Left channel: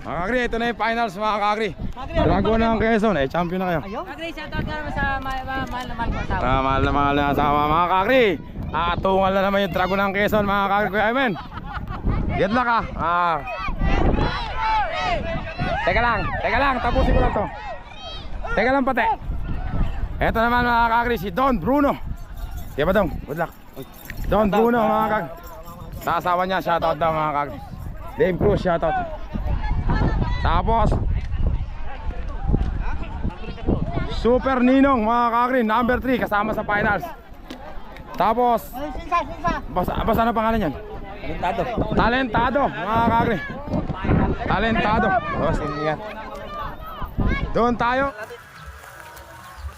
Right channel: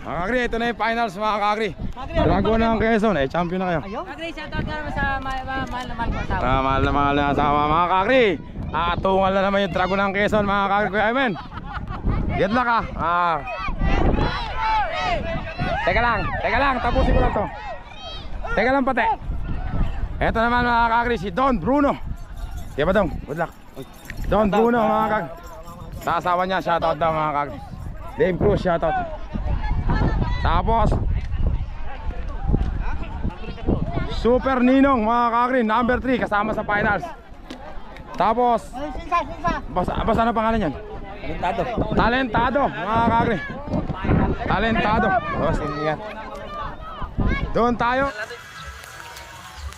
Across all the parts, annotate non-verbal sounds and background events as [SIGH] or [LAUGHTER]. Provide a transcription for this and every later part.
Mga kakri, ito na yung finals mga kakri. Dragon ng Quezon, eh champion na kayo. Magre, shoutout ka naman sa ma- ma- mahal na mahal ko asawa. Ah, mahal na mahal na asawa mga kakri. Aatungan na naman yung Dragon ng Quezon mga kakri. Kuya Amen. Good luck ah. ah. Teka lang, teka lang, tapusin ko lang to. Teka lang pati. Ito naman mga kakri, si Don Bruno. Di ba Dong? Good luck. Don Bruno mga kakri. Sa asawa niya, shoutout daw mga kakri. Dame Cruz, shoutout. Tapos, Super Ninong mga kakri, number 3 kasama sa finals. Tapos, basta, basta ano pangalan yan? Talentado. Talentado mga kakri. Talentado. Yan. Doon tayo.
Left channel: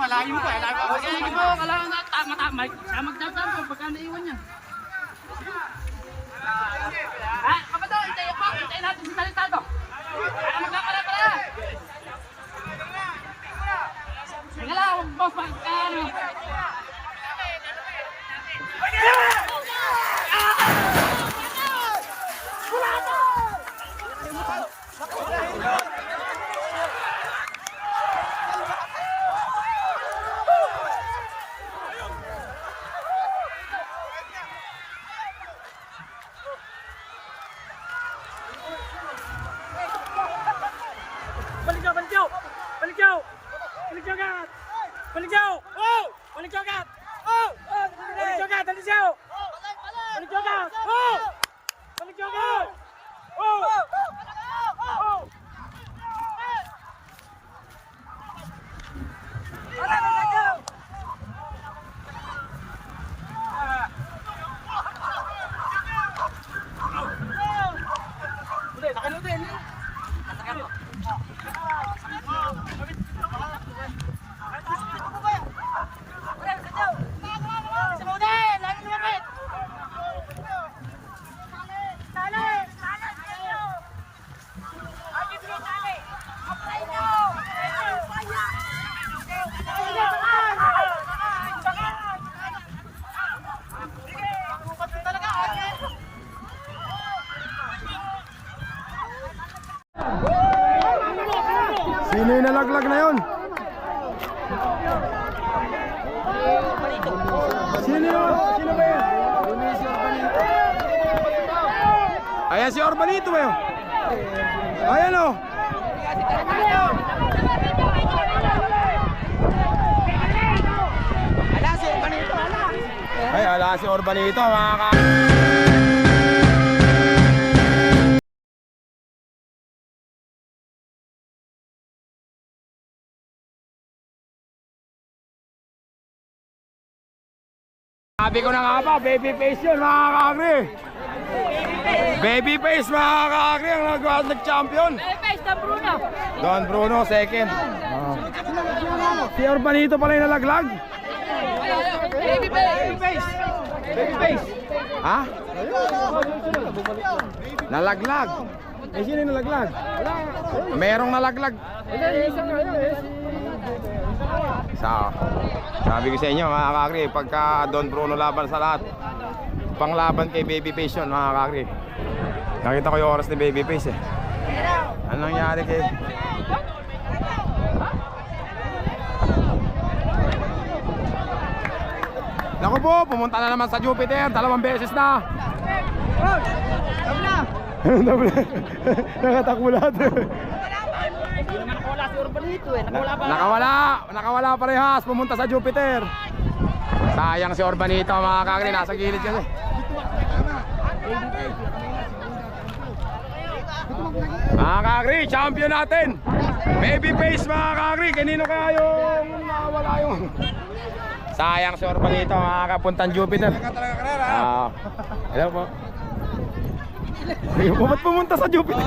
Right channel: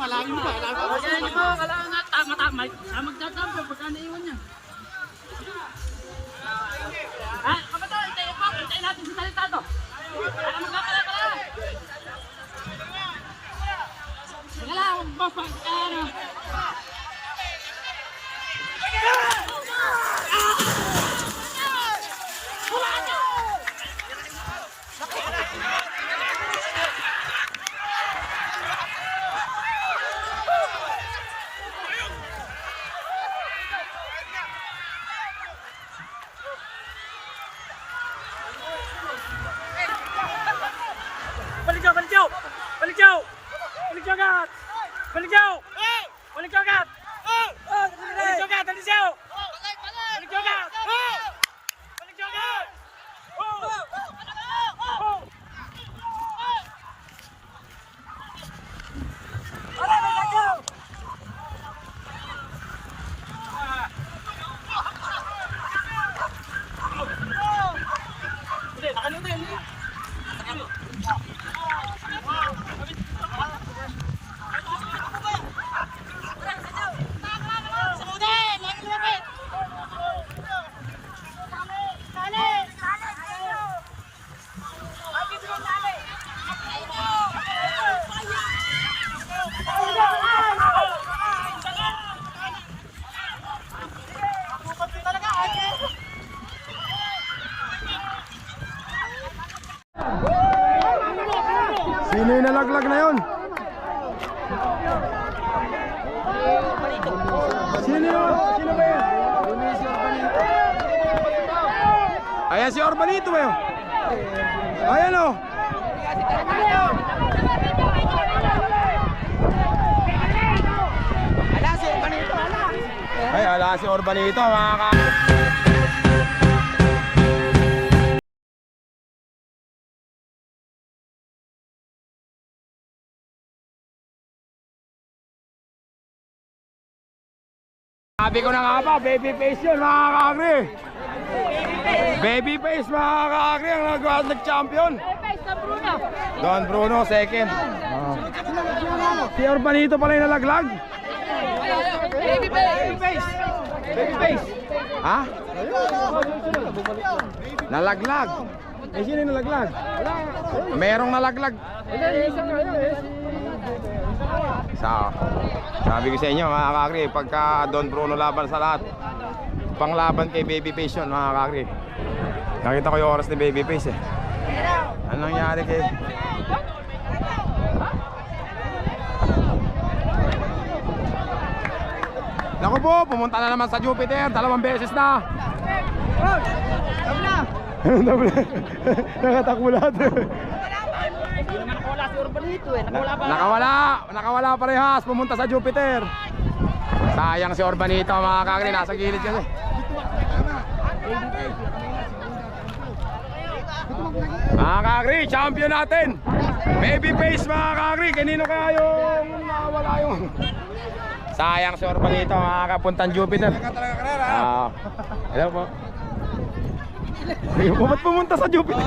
malayo pa. Malayo pa. Kasi ito, kailangan na tama tama. Siya magtatampo pagka naiwan niya. Ah, kapato, hintayin pa. Hintayin natin si Talitado. Para magkakala ka na. Teka lang, huwag mo pag... ano. Balik daw, balik daw! Balik daw! Balik daw agad! Balik daw! Balik daw agad! Balik daw agad! Balik daw! Balik daw agad! Balik daw agad! Oh! Sino yung nalaglag na yun? Sino yun? Sino ba yun? Ayan si Orbanito ba yun? Ayan o. Ay, ala si Orbanito mga ka... Sabi ko na nga ba, baby face yun mga kakri. Baby face mga kakri ang nag- nag-champion. Face na Bruno! Don Bruno, second. Oh. Si Orbanito pala yung nalaglag. Baby face! Baby face. Ha? Nalaglag. Eh, sino yung nalaglag? Merong nalaglag. Sa, sabi ko sa inyo mga kakri, pagka Don Bruno laban sa lahat, panglaban kay Babyface yun mga kakri. Nakita ko yung oras ni Babyface eh. Ano nangyari kay... Naku po, pumunta na naman sa Jupiter, dalawang beses na. [LAUGHS] Lahat. Hindi nakawala si Urbanito eh. Nakawala pa. nakawala, nakawala parehas, pumunta sa Jupiter. Sayang si Orbanito mga kagri, nasa gilid kasi. Mga kagri, champion natin. Baby face mga kagri, kanino kaya yung nawala yung... Sayang si Orbanito mga kapuntang Jupiter. Ah, hello po. Ayun po, ba't pumunta sa Jupiter?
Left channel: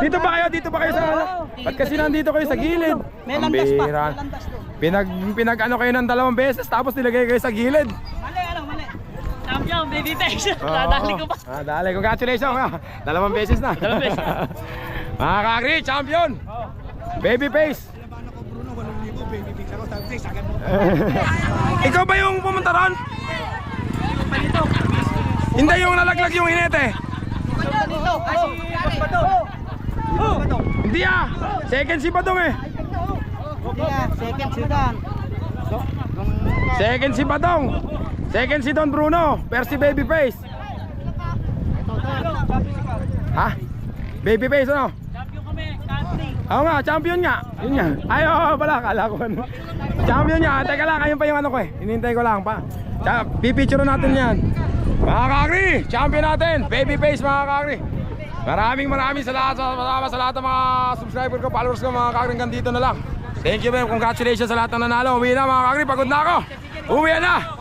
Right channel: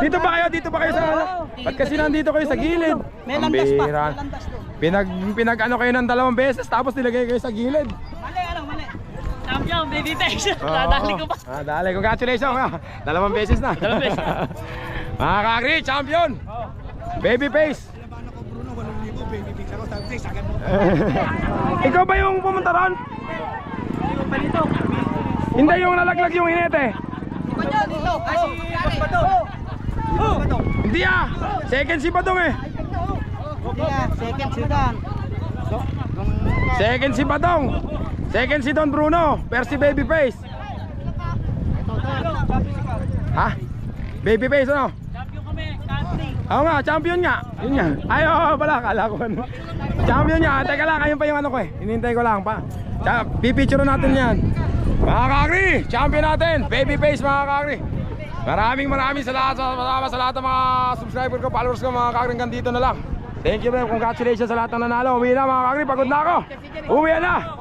Dito ba kayo? Dito ba kayo sa ano? Ba't kasi nandito kayo sa gilid? May Ang landas pa. May landas doon. Pinag, pinag ano kayo ng dalawang beses tapos nilagay kayo sa gilid. Mali, ano, mali. Champion, baby face. Dadali ko pa. Ah, dali. Congratulations. ah. Dalawang beses na. Dalawang beses. [LAUGHS] Mga kakri, champion. Baby face. [LAUGHS] Ikaw ba yung pumunta ron? Hindi yung nalaglag yung hinete. Dito. Ay, si Bato. Hindi ah. Second si Badong eh. Nga, second sidan. Second si Badong. Second si Don Bruno. First si Baby face. Ha? Baby face ano? Champion kami. Country. Oo nga, champion nga. Yun nga. Ay, oo pala, kala ko ano. Champion nga. Teka lang, ayun pa yung ano ko eh. Hinihintay ko lang pa. Pipicture natin yan. Mga champion natin. Baby face mga kakri. Maraming maraming salamat sa, salamat sa lahat ng mga subscriber ko, followers ko, mga kakri. Hanggang dito na lang. Thank you, man. Congratulations sa lahat ng nanalo. Uwi na mga kakri, pagod na ako. Uwi na.